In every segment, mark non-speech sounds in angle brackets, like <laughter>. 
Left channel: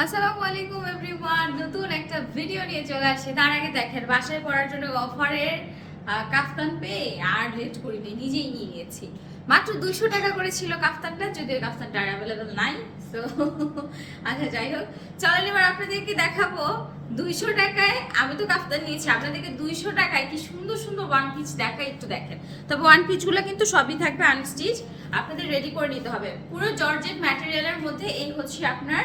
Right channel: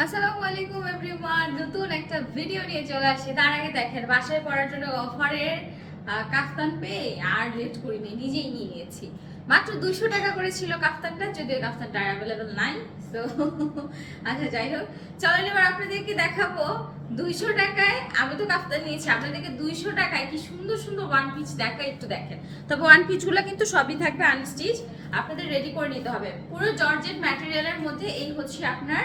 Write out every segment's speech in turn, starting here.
আসসালামু আলাইকুম এভরিওয়ান, নতুন একটা ভিডিও নিয়ে চলে আসছে। তার আগে দেখেন, বাসায় পড়ার জন্য অফারের কাফতান পেয়ে আর লেট করিনি, নিজেই নিয়ে নিয়েছি। মাত্র দুশো টাকা করে ছিল কাফতানটা, যদিও কাফতানটা অ্যাভেলেবেল নাই। তো <laughs> আচ্ছা যাই হোক। চলেন, এবার আপনাদেরকে দেখাবো দুইশো টাকায়। আমি তো কাফতান নিয়েছি, আপনাদেরকে দুইশো টাকায় কি সুন্দর সুন্দর ওয়ান পিস দেখা একটু দেখেন। তবে ওয়ান পিসগুলো কিন্তু সবই থাকবে আনস্টিচ আপনাদের রেডি করে নিতে হবে। পুরো জর্জেট ম্যাটেরিয়ালের মধ্যে এই হচ্ছে আপনার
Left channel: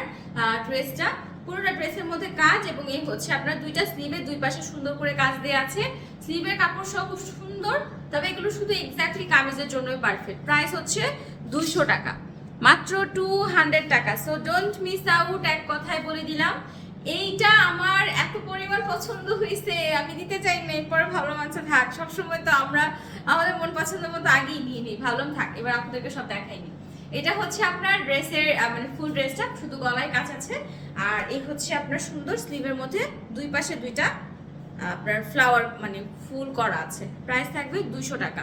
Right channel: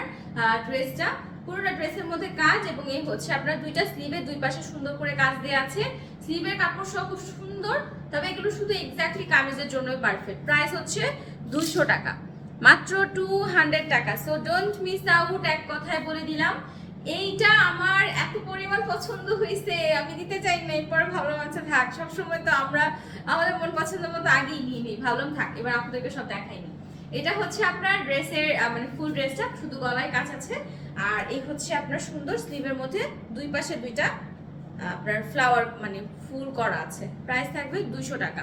ড্রেসটা পুরোটা ড্রেসের মধ্যে কাজ এবং এই হচ্ছে আপনার দুইটা স্লিভের দুই পাশে সুন্দর করে কাজ দেওয়া আছে। স্লিভের কাপড় সহ খুব সুন্দর, তবে এগুলো শুধু এক্স্যাক্টলি কামিজের জন্যই পারফেক্ট প্রাইস হচ্ছে দুশো টাকা। মাত্র টু হান্ড্রেড টাকা। সো ডোন্ট মিস আউট এক কথায় বলে দিলাম। এইটা আমার এত পরিমাণ পছন্দ হয়েছে, আমি দিতে চাই না, এরপরে ভালো মাছ থাক। সবসময় তো আমরা আমাদের মন পছন্দ মতো আগেই নিয়ে নিই, ভালো থাক। এবার আপনাদেরকে সব দেখাইনি এটা হচ্ছে আপনার ড্রেসের মানে ফুল ড্রেসটা শুধু গলায় কাজ আছে। আর এই হচ্ছে আপনার সুন্দর স্লিভের মধ্যে দুই পাশে দুইটা আপনার ফ্লাওয়ার মানে ফুল করা আছে। প্রাইস থাকবে দুশো টাকা।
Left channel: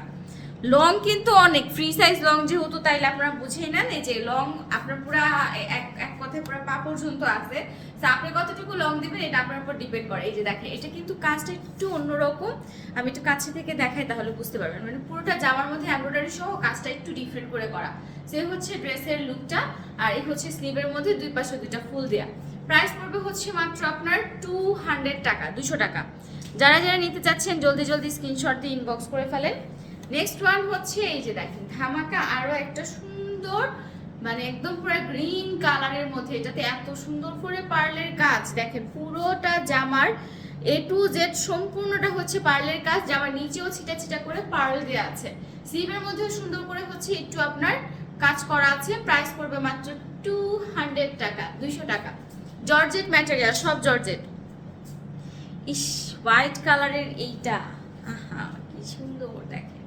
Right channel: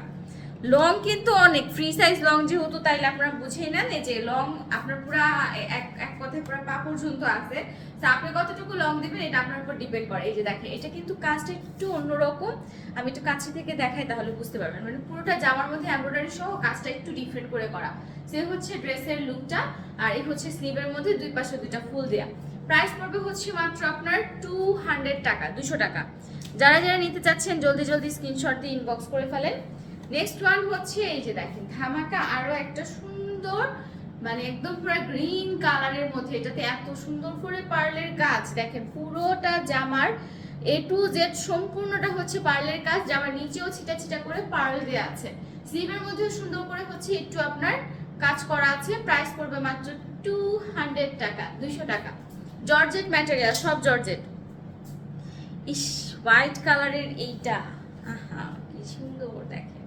লং কিন্তু অনেক ফ্রি সাইজ লং যেহেতু, তাইলে আপনারা বুঝেই নেন যে লং আপনার পুরা এক এক কথায় পুরো পা পর্যন্ত আছে। তো আপনি কতটুকু লং দিবেন, এটা আপনার উপর ডিপেন্ড করে। এই যে দেখেন, এটা কিন্তু কাজটা একটু অন্যরকম। আমি একটু কাছে থেকে দেখাই তাহলে বুঝতে পারবেন। মানে পুরোটা জামার মধ্যে এমব্রয়ডারি সহ কাজটা একটু ডিফারেন্ট করে করা। সে হচ্ছে ড্রেসের লুকটা আর এই হচ্ছে স্লিভের মধ্যে দুই পাশে দুইটা ফুল দেয়া। প্রাইস পড়বে হচ্ছে মাত্র আপনার টু হান্ড্রেড টাকা, দুশো টাকা। যারা যারা নিতে চাচ্ছেন, জলদি জলদি স্ক্রিনশট দিয়ে ইনবক্স করে ফেলেন। নেক্সট ওয়ান হচ্ছে এই যে দেখেন, ধামাকা আরও একটা সুন্দর মানে একদম পুরো গ্রিন কালারের মধ্যে, এটাতে এত সুন্দর করে পার্লের কাজ, দেখেন পুরোটা জামার এ টু জেড সম্পূর্ণটা হচ্ছে পার্লের কাজ, জামার নিচেও ছিটা ছিটা করে পার্ল দেওয়া আছে। স্লিভের মধ্যে সুন্দর করে হচ্ছে একটু আপনার কাজ করা আছে প্রাইস পড়বে মাত্র টু হান্ড্রেড টাকা, দুইশো টাকা। জর্জেট ম্যাটেরিয়াল সব জর্জেট ইস হোয়াইট কালারের এইটা, আহা, কি সুন্দর, দেখেন।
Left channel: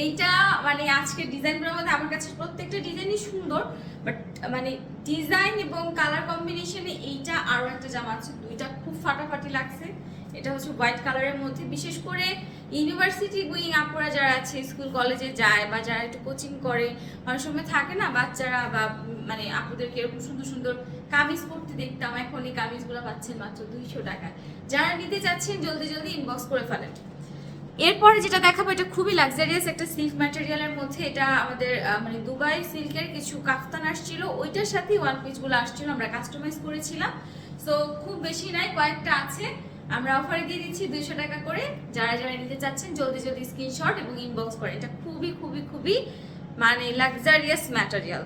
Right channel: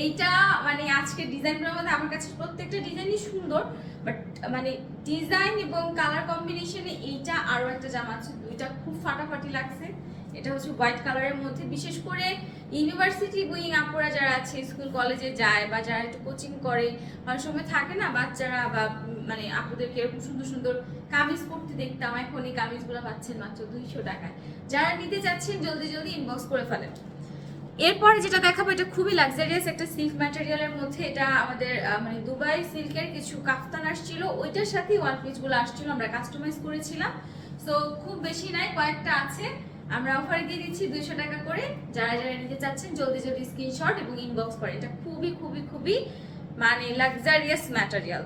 এইটা মানে আজকে ডিজাইনগুলোর মধ্যে আমার কাছে প্রত্যেকটা ডিজাইনই সুন্দর বাট মানে ডিজাইন এবং কালার কম্বিনেশনে এইটা আরও একটা জামা আছে, দুইটা খুব ফাটাফাটি লাগছে। এটা হচ্ছে হোয়াইট কালারের মধ্যে। বিশেষ করে ইউনিভার্সিটি গোয়িং আপুরা যারা আছে স্কুল কলেজে যায় বা যারা একটু কোচিং করে, অনেক সময় থাকে না বাচ্চারা বা মানে আপুদেরকে এরকম সুন্দর সুন্দর কামিজ পরতে দেখতাম, এখন এই কামিজগুলো পাচ্ছেন মাত্র দুইশো টাকা যারা নিতে চাচ্ছেন, জলদি জলদি ইনবক্স করে ফেলেন। এরপরে যেটা দেখাবো, এটা খুবই লাক্সারিয়াস একটা সিল্ক ম্যাটেরিয়ালের মধ্যে। এটা আমাদের মানে দুবাই সিল্কের কিছু কাফতান আসছিল, ওইটার সাথেই ওয়ান পিসগুলো আসছিল, আমরা কাস্টমাইজ করেছিলাম। সো খুব বেশি নাই, কয়েকটা আছে। আমরা অফারে দিয়ে দিচ্ছি দুইশো টাকা করে। যারা যারা নিতে চাচ্ছেন, জলদি জলদি স্ক্রিনশট এবং ইনবক্স করে। এটা খুবই খুবই খুবই মানে luxurious material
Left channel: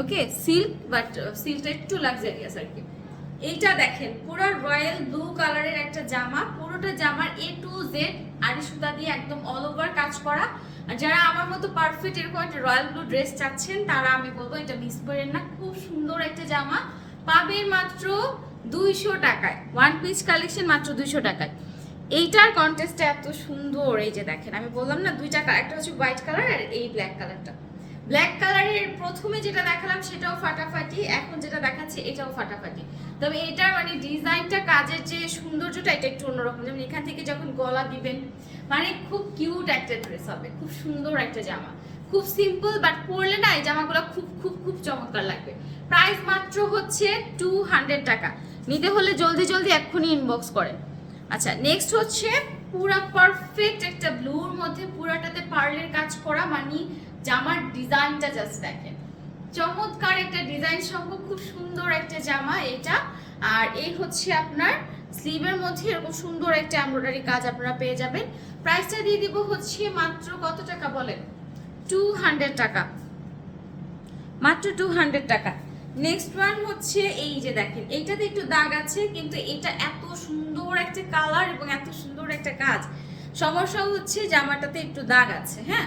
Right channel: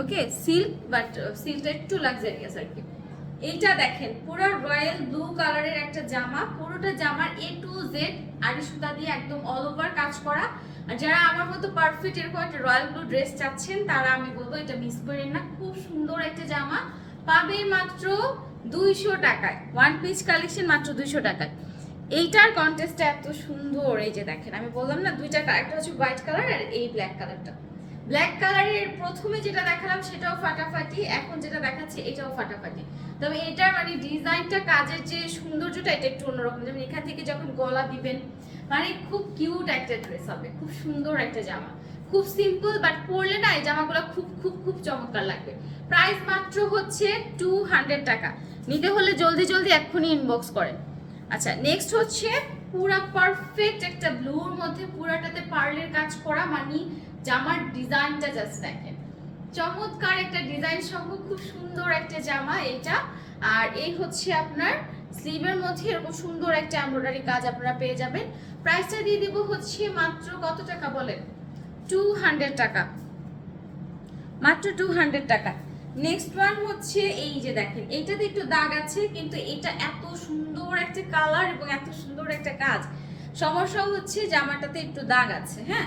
okay silk but সিল্কটা একটু লাক্সারিয়াস আর কি। এইটা দেখেন, পুরো রয়্যাল ব্লু কালারের একটা জামা, পুরোটা জামার এ টু জেড আড়ি সুতা দিয়ে একদম অল ওভার কাজ করা। আর যারা আমার মতো পারফেক্ট এরকম একটা রয়্যাল ব্লু ড্রেস চাচ্ছেন, তারা আমি বলব এটা মিস করেন না, খুব সুন্দর একটা জামা। পাবেন মাত্র দুইশো টাকায় ওয়ান পিস কালেকশন মাত্র দুইশো টাকায়। এইটার কন্টেস্টটা এত সুন্দর, এই যে দেখেন, আমি বললাম না, দুইটা একটা হচ্ছে হোয়াইট কালার আর এই ব্ল্যাক কালারটা ব্ল্যাক কালারের প্রথমে যেটা দেখালাম সেটাও ফাটাফাটি, এখন যেটা দেখাচ্ছে এটাও ফাটাফাটি। তবে এটার মানে ডিজাইনটা, কাজের যে সৌন্দর্যটা, এটা একটু অন্যরকম। যেমন এখান থেকে যখন গলা দিবেন মানে খুব কিউট একটা ড্রেস হবে, খুব সুন্দর একটা জামা। খুব সিম্পল বাট পরলে না এই জামাগুলো খুব খুব খুব চমৎকার লাগবে। প্রাইস মাত্র হচ্ছে টু হান্ড্রেড টাকা। নিতে হলে জলদি জলদি এক্ষুনি ইনবক্স করেন। আচ্ছা নেক্সট হচ্ছে পুরা পারফেক্ট একটা ব্লুর মধ্যে পুরাটাতে পার্লের কাজ করা মানে জামার ডিজাইনটা জাস্ট দেখেন। চমৎকার একটা ডিজাইন সহ খুব সুন্দর একটা জামা এটা। আর এই হচ্ছে আপনার স্লিভের মধ্যে এরকম সুন্দর একটা এমব্রয়ডারি কাজ আপনারা পেয়ে যাবেন। প্রাইসটা দিয়ে দিব হচ্ছে মাত্র কত টাকা বলেন? টু হান্ড্রেড টাকা। মাত্র টু হান্ড্রেড টাকা। নেক্সট ওয়ান হচ্ছে এই যে দেখেন, এইটাতে একটু দাগ আছে, কিন্তু এটা এত সুন্দর একটা কালার এবং এত সুন্দর একটা কাজ। সমস্যা হচ্ছে জামাটাতে একটু দাগ আছে হ্যাঁ?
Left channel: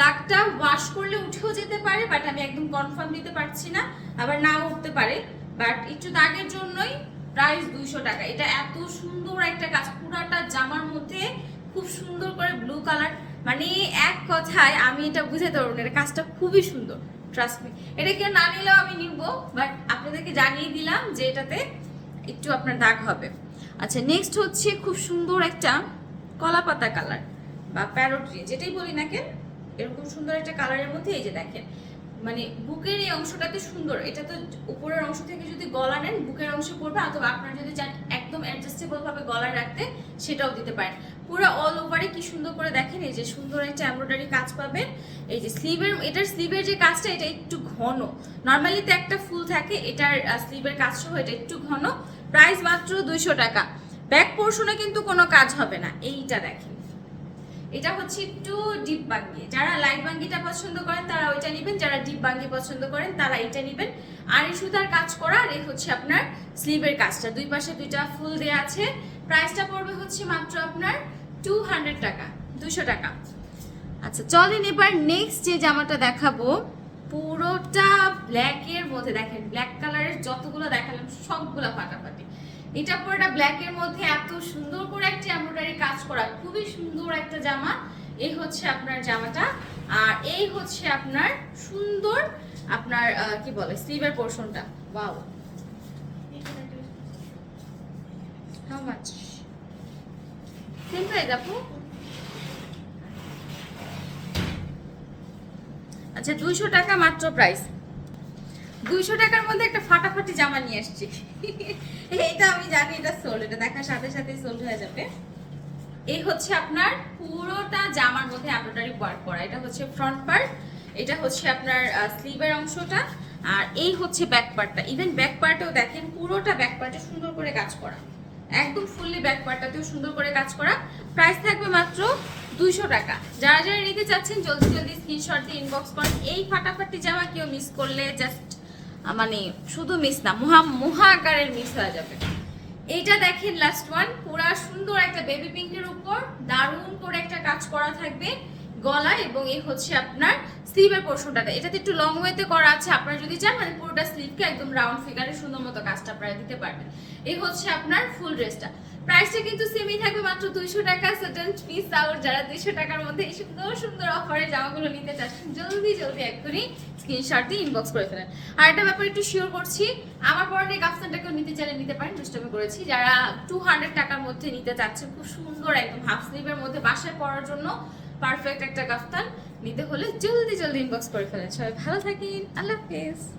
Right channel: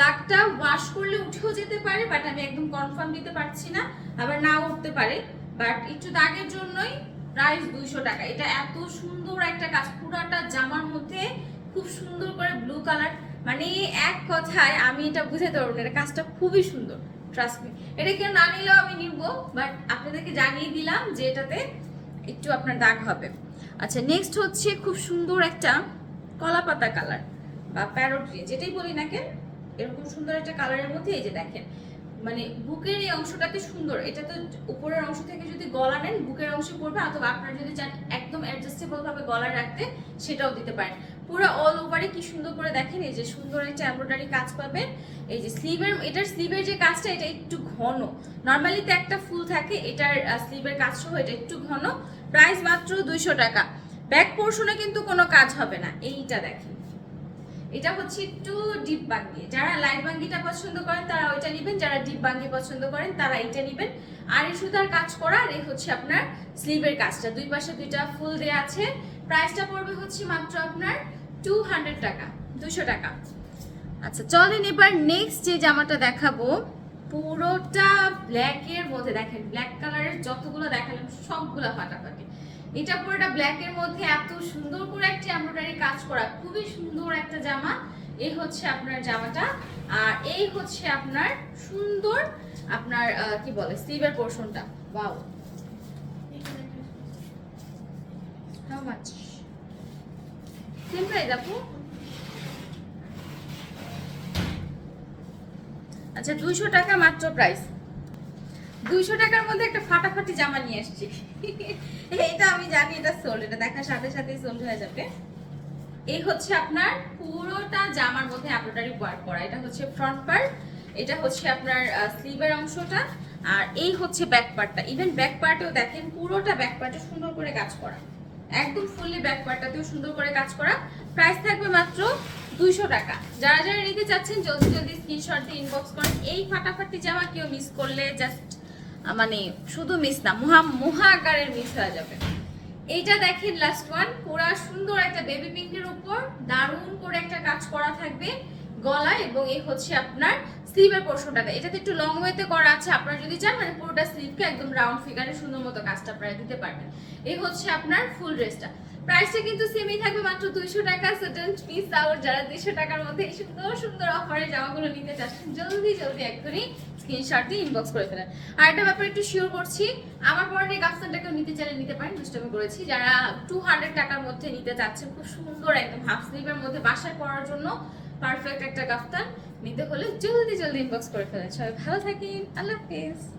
দাগটা ওয়াশ করলে উঠেও যেতে পারে বাট আমি একদম কনফার্ম দিতে পারছি না, আবার নাও উঠতে পারে। বাট একটু দাগের জন্যই প্রাইস দুইশো টাকা। এটা এত সুন্দর একটা কাজ, পুরাটা জামার মধ্যে খুব সুন্দর করে ব্লু কালার মানে এক কথায় আমি এটা বুঝাতে পারব না, এটা কাজটা খুবই সুন্দর ট্রাস্ট মি এটা কেউ না নিলেও আমি নিব বাট আপনাদেরকে জানিয়ে দিলাম যে এটাতে একটু আপনার দাগ হবে। আচ্ছা নেক্সট হচ্ছে খুব সুন্দর একটা কলা পাতা কালার বা প্যারোট গ্রিন যেটাই বলি না কেন, এরকম সুন্দর একটা কালারের মধ্যে এই যে দেখেন মানে বুকের এই অংশটাতে সুন্দর, এটা তো উপরের অংশ থেকে যদি গলা নেন, বুকের অংশ পড়বে, অথবা আপনারা যদি চান একদম অ্যাডজাস্টেবল ভাবে গলা রাখতে, সেটাও দিতে পারেন। পুরো অল ওভারে কি সুন্দর করে দেখেন, এই যে সুন্দর একটা এমব্রয়ডারি কাজ পাবেন এই যে স্লিভের এটার স্লিভের যে কাজটা, এটা একটু ঘন। নর্মালি তো একটা ফুল থাকে, এটার স্লিভের কাজ সহ এটা একটু ঘন। প্রাইস মাত্র দুইশো টাকা। ব্যাক পোর্শনে কিন্তু কোনো কাজ হবে না। এইটা দেখেন। এটা হচ্ছে একটু ডিপ বাঙ্গি। যারা লাইট বাঙ্গিটা পছন্দ করেন, তারা ওইটা নেবেন। যারা ডিপ বাঙ্গি পছন্দ করেন, তারা এটা নেবেন। আর এই সুতার কাজ করা, আর এই হচ্ছে আপনার স্লিভের কাজটা। দুই পাশে দুইটা ফুল দেওয়া আছে। প্রাইসটা পড়বে হচ্ছে মাত্র আপনার টু হান্ড্রেড টাকা, দুশো টাকা। আচ্ছা চলেন এবার নেক্সট যে জামাটা দেখাবো, পুরোটা ব্ল্যাক এর মধ্যে দেখেন ব্ল্যাক কালারের যতগুলো দেখালাম সবগুলো ফাটাফাটি। এটা পুরোটা ব্ল্যাক এর মধ্যে এত সুন্দর করে একটা এমব্রয়ডারি কাজ করা, খুবই সুন্দর একটা জামা। এই হচ্ছে আপনার জামাটা, আর এই হচ্ছে আপনার সুন্দর আপনার কি বলে স্লিভের পোর্শনটা ওয়াও হাউ মাচ আচ্ছা দুইশো টাকা মাত্র প্রাইস দুইশো টাকার মধ্যে একটা ফাটাফাটি জামা নিয়ে আসছি। এটা আমি জানি, এটা সোল এটা দেখার সাথে সাথে সোল্ড হয়ে যাবে। এই হচ্ছে আপনার পুরোটা জামার মধ্যে এমব্রয়ডারি ওয়ার্ক করা। এটা হচ্ছে ফ্রন্ট পার্ট এটা হচ্ছে আপনার স্লিভের অংশটা, আর এই হচ্ছে ব্যাক পার্টটা ইভেন ব্যাক পার্টেও দেখেন, পুরোটা ব্যাক পার্টে সুন্দর করে কাজ করা। একদম ফুললি ব্যাক পার্টটাতেও সুন্দর করে কাজ করা। প্রাইস থাকবে মাত্র দুইশো টাকা। যারা যারা নিতে চাচ্ছেন, জলদি জলদি স্ক্রিনশট দিয়ে ইনবক্স করেন। এই ফাটাফাটি জামা কেউ মিস করলে জাস্ট মানে শুধু মিস না, মহা মহা আকারের মিস হয়ে যাবে। এইটা দেখেন লাস্ট ওয়ান পুরা সুন্দর একটা বেবি পিঙ্কের উপর দারুণ করে একটা কাজ করা থাকবে। গলা এবং এই হচ্ছে আপনার স্লিভের পোর্শনটাতে এটাতে একটু লং ওয়েতে করা আছে, আপনারা যদি চান মানে পুরোটা স্লিভকে একদম রাউন্ড ফিগারে সুন্দর মতো কাজটা আপনারা দিতে পারবেন। এই হচ্ছে আপনার ফুল ড্রেসটা প্রাইসটা কিন্তু সেমই থাকবে মাত্র দুইশো টাকা সার্টেন পিস আউট যারা দুইশো টাকার মধ্যে এই সুন্দর সুন্দর অফারে জামাগুলো নিতে চাচ্ছেন জলদি জলদি এক্ষুনি স্ক্রিনশট দিয়ে ইনবক্স করে ফেলেন। আর একটা ব্যাপার একটু শিওর করছি, আমার পরনে কাফতানটাকেও নিতে চাইলে নিতে পারেন, দুষ্টামি করেছি। যারা টু হান্ড্রেড টাকার মধ্যে নিতে চাচ্ছেন, খুব সুন্দর একদম হাফ স্লিভের মধ্যে বাসায় পরার জন্য পারফেক্ট একটা কাফতান নিতে হলে জলদি জলদি ইনবক্স করে ফেলেন। সবাই ভালো থাকেন। আল্লাহ হাফিজ।